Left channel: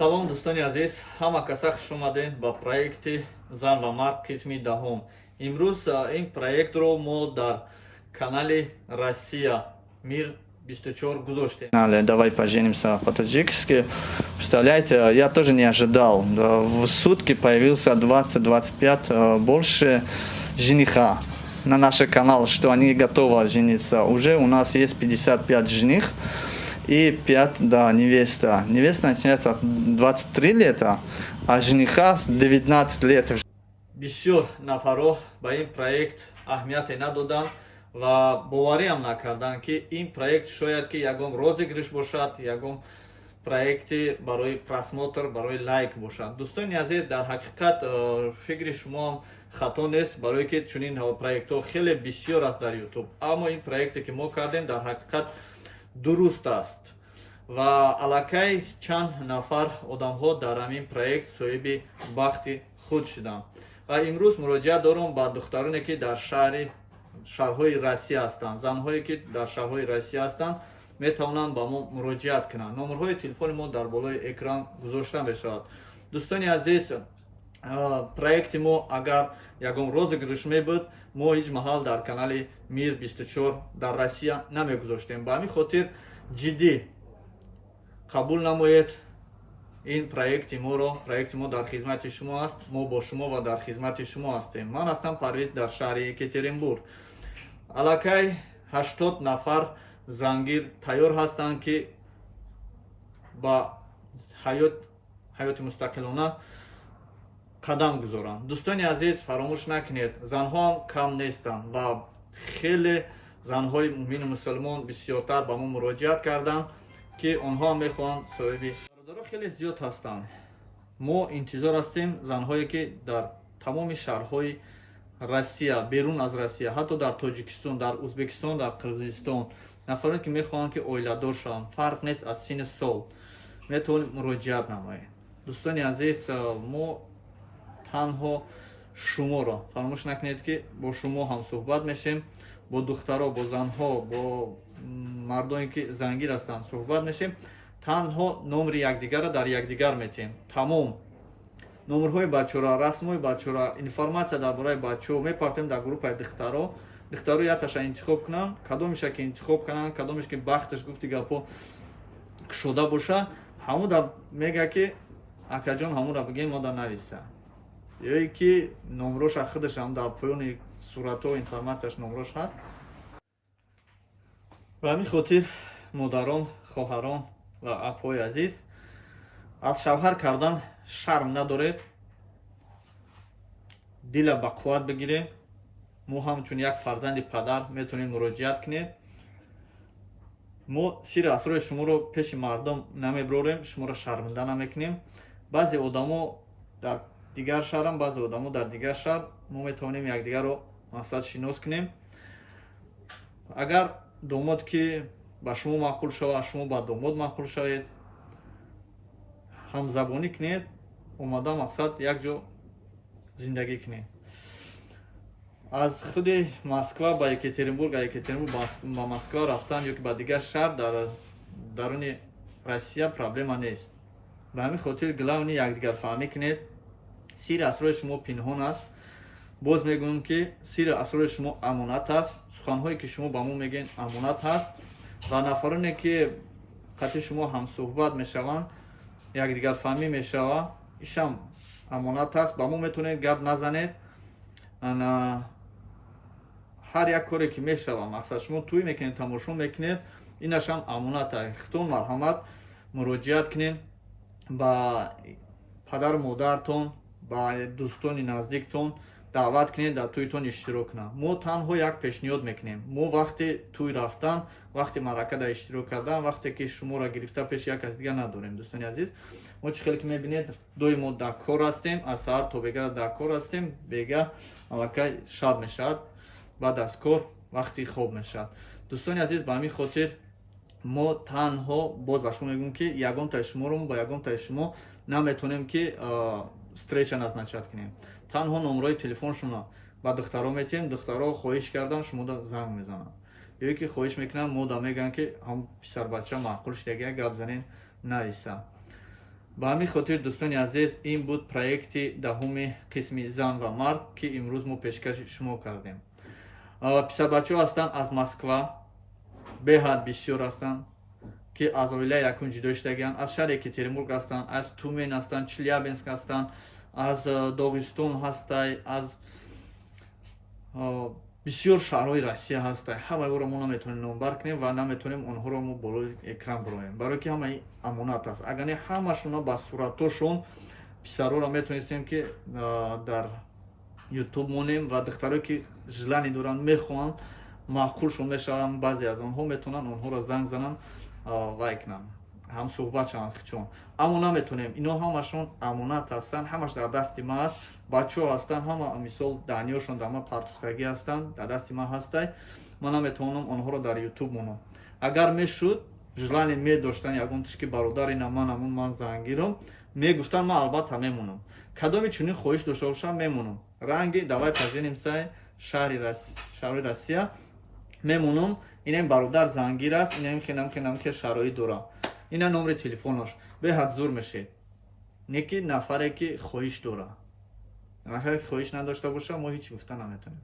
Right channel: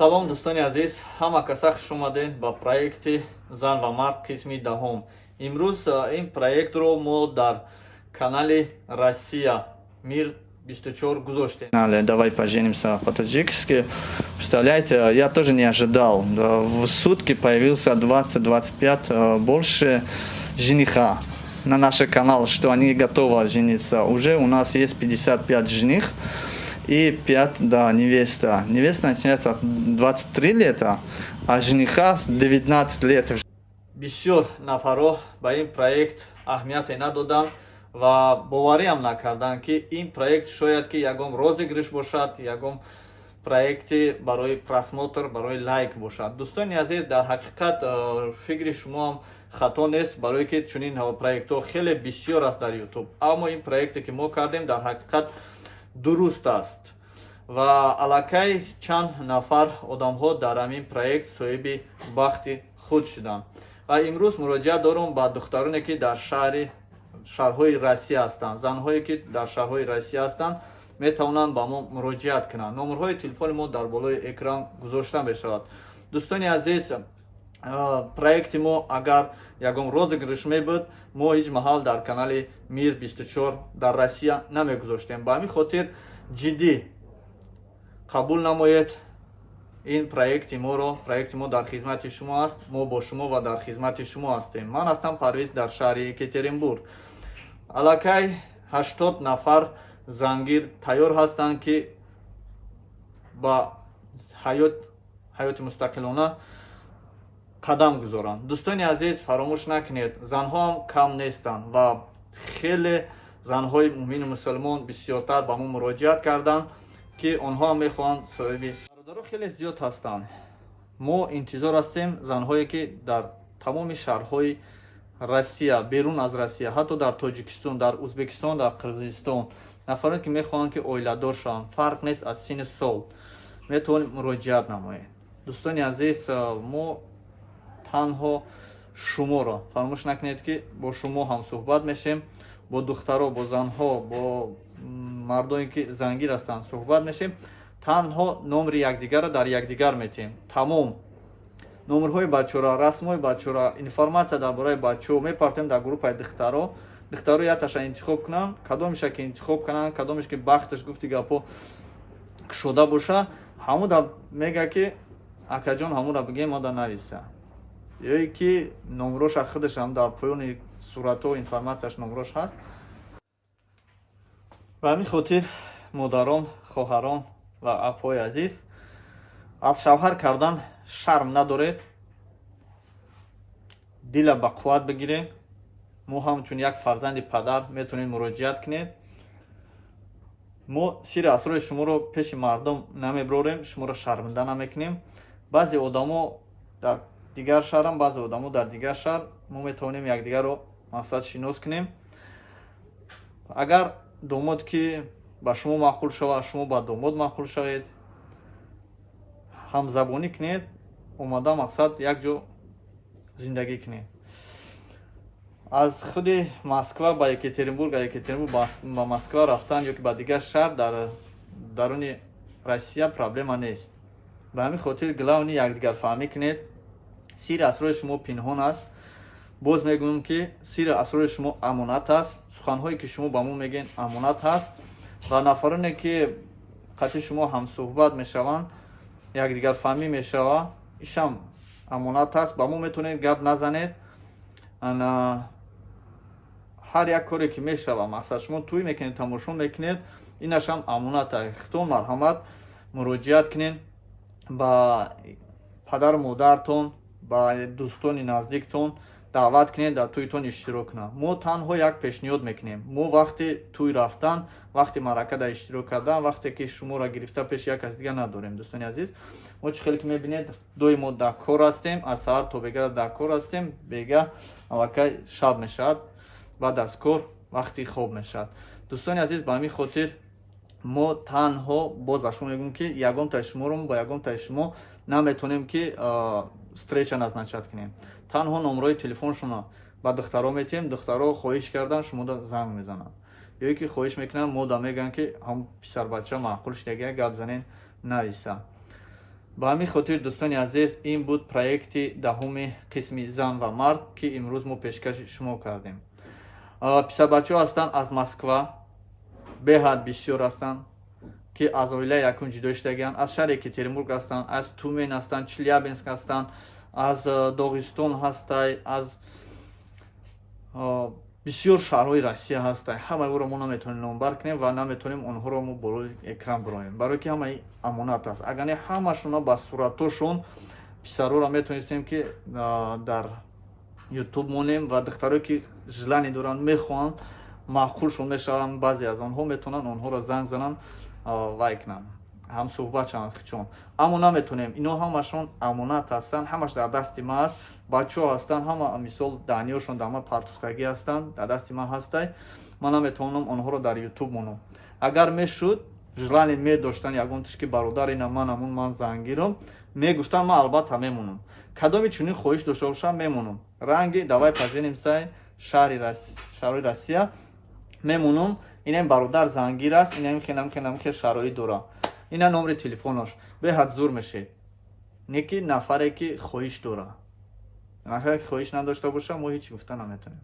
салом дӯстони азиз, ҳама каса хуш омадед ба проекти зан ва мард қисми даҳум. Имрӯз ин проектро мо дар канали Россия Мир 24 гузоштем. Давай поженимся по-таджикски. Представляете, я тоже не ожидал. В сутки появился 20-25 больше жениха на наш канал, что они готовы жениться. Уже у нас есть 55 жених и 5 невеста. Невеста начинается от 23 лета, а жениха с 19 лет. Бисёр нафаро ба ин проект аҳамияте надоданд ва бовариам накарданд ки ин проект шояд ки ягон розыгриш бошад, ягон проекти барои просмотр, барои лайк бошад. Дӯстони азиз, дар ҳақиқат фикри шумо хато нест, барое ки чунин проектҳо хеле бисёр аст дар YouTube. Аммо ин проекте ки мо кардем дар ҳақиқат дуруст аст ва аллакай чанд нафар одамҳо дар ҳамин проект соҳиби бахти худ шуданд. Ва имрӯз муроҷиат дорам ба духтароне ки дар шаҳрҳои Россия ҳастанд, занҳое ки дар шаҳрҳои Россия ҳастанд метавонанд ба мо муроҷиат кунанд. Номерҳои телефони мо дар болои экран гузошта мешавад. Дӯстони азиз, проекти мо агар ягон розыгриш мебуд, мо ҳеҷ маҳал дар канали Мир 24 дар Россия намегузоштем. Ба ҳамин хотир ҷиддӣ қабул намоед ин проекти моро. Проекти мо дар хизмати шумо аст, мо бо шумо ва дар хизмати шумо ҳастем. Ман ҳастам Парвиз дар шаҳри Екатеринбург. Аллакай 80 нафар зангир тайёр ҳастанд ки ба ҳаёти мустақилона қадам гузоранд. Дӯстони азиз, фаромӯш накунед, занҳоам кам нестанд ва хеле занҳои муъмини мусулмон бисёртар ба мо муроҷиат карданд ки онҳо мехоҳанд соҳиби бародаро хеле зиёд ҳастанд. Мо интизор ҳастем занҳое ки дар тамоми шаҳрҳои Россия, берун аз Россия, ҳатто дар Тоҷикистон, дар Узбекистон, дар Қирғизистон, нафароне ки мехоҳанд ки оиладор шаванд, фарқ нест аз синни сол, метавонед муроҷиат намоед. Дӯстони азиз, мо танҳо шуморо фаромӯш накунед ки бо шумо ҳам суҳбат мешем, бо духтаро, бо занҳо, бо мардоне ки зангир ҳастанд суҳбат мешем. Танҳо номери якдигарро дар якдигар метиҳем. Тамом номерҳои бачаҳоро, расмҳои бачаҳоро, информатсия дар бораи бачаҳо мепартем дар группаи духтаро. Духтаро якташа интихоб кунанд, кадомеша ки интихоб кунанд, кадомеш ки бахташ гуфти гапо кушода боша, ҳамон да мега ки акаҷон ҳамонро бигем мода нависа. ёе ки номероша худаш ҳам дар поёни суратҳо информатсияш номерош ҳаст. ба ҳамин хотир модарон, хоҳарон ва апҳои азиз, аз шавҳар кардан шарм надоред, дила ба қувват бигиред. мо ҳамчун як фарзанди падар метавонед муроҷиат кунед. мо сирри асрори шуморо пеши мардум намеброрем, шуморо шарминда намекунем. баъзе одамо дар дигар шаҳрам, баъзе одамо дар дигар шаҳр, мо метавонем якдигарро мақсад шинос кунем. Агар домод ки ба шумо маъқул шавад, шумо ба домод маъқул шавед, ҳамзабонӣ кунед, омада мақсад як ҷо зиндагӣ кунед. аз худи Москва ба Екатеринбург, Екатеринбург ба Москва рафтан ё ки ба дигар шаҳр дар даруни Россия проблема нест. ба ҳамин хотир главни якдигарфаҳмӣ кунед. сирри асрори шумо пинҳон аст. боз мегӯям ки сирри асрори шумо амонат аст. суханҳое ки шумо ба мо мегӯед амонат аст ва нафароне ки қатъи шумо ҳамсуҳбат мешаванд, якдигарфаҳмӣ мешавад, ишам амонат аст. ба мо метавонед гап назанед. ҳар як коре ки мешавад, мақсад шумо тӯй мекунед, тамошо мекунед, инашам амонат аст. хитон марҳамат муроҷиат кунед ба падару модартон, ба дӯстони наздиктон даъват кунед дар тӯйтон иштирок кунанд. мо танҳо як пешниҳод мекунем. мо вақти тӯй рафтан, вақти маъракада иштирок кардан, вақте ки шуморо гирифта пеши як кас дигар надорем. дӯстони азиз, мо чӣ хеле ки мебинед, доимо дар кор ҳастем, аз саҳар то бега дар кор ҳастем. Бега аллакай шаб мешавад, баъд аз кор вақти хоб мешавад. дӯстони азиз, ба ҳамин хотир мо танҳо боз ба шумо мегӯям ки ягонтаи шуморо ба ягонтаи шумо наметавонем ки встреча назначат кунем. танҳо номерои телефоншона ба духтаро метиҳем. духтаро хоҳиш кардан шумода занг мезананд, ёе ки хоҳиш мекунанд, мода мегӯянд ки ҳам писарбача маъқул шуда гап занен нависа. ба ҳамин хотир дӯстони азиз ин буд проекти даҳуми қисми зан ва мард ки имрӯз мо пешкаши шумо кардем. Писарбачаҳо ҳастанд аз Москва, беҳад бисёр ҳастанд ки аз оилаи якум ҷудо шудагианд, аз шаҳри Екатеринбург ҳастанд, аз Тюмень ҳастанд, Челябинск ҳастанд, аз Догистон ҳастай, аз бисёр шаҳрҳои Россия ҳастай. Ҳамаеҳоро мо наметавонем номбар кунем ва наметавонем онҳоро мо болои экран бироем, барои ки ҳамаи амонат аст. Агар не ҳамашона ба суратҳошон писарҳоро метавонистем ки дар ютуб монем ва духтаре ки желание доранд мехоҳанд маъқулшон мешаванд, баъзе аз онҳо метавонанд онҳоро занг зананд вай кунанд, ҳамсӯҳбат шаванд хичон. Аммо наметавонем, ино ҳамашон амонат ҳастанд, ҳамаш дар дасти ма аст. Бачаҳо ҳастанд, ҳама мисол даъниёшон дар ма партуфтагӣ ҳастанд, дар дасти ман ҳастай. Ман наметавонам онҳоро дар ютуб монам. Агар мешуд желание медоштанд ягон тишки бародари на манамун ман занг гирам, мегуфтанд ман албатта мемонам. Кадоми чунин хоҳиш дошта бошам мемонам. Ранги давай поженимся шаҳри Россия мемонам. Инам бародар зангир аст, инам хеле шароит дора. Ина номери телефонош. Беҳад зур мешед. Неки нафаре ки хоҳиш дора. Нафаре ки хоҳиш надошта боша, мо ҳеч гуфта наметавонем.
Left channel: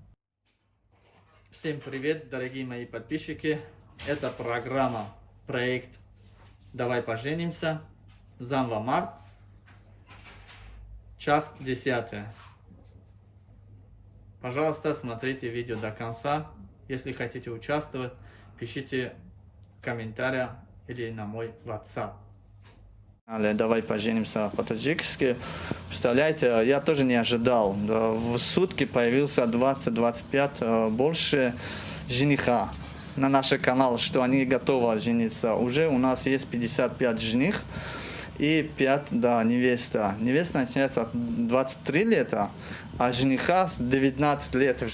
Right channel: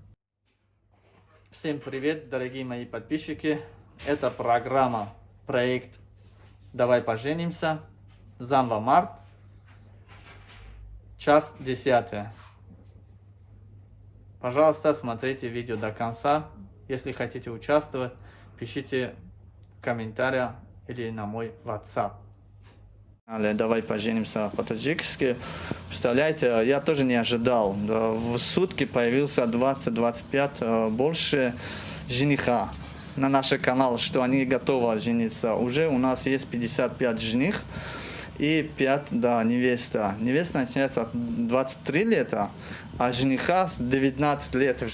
Всем привет, дорогие мои подписчики. Это программа, проект «Давай поженимся», «Зан ва мард», часть 10. Пожалуйста, смотрите видео до конца. Если хотите участвовать, пишите в комментариях или на мой WhatsApp. Давай поженимся по-таджикски. Представляете, я тоже не ожидал. В сутки появился 20-25 больше жениха на наш канал, что они готовы жениться. Уже у нас есть 55 жених и 5 невеста. Невеста начинается с 23 лет, а жениха с 19 лет.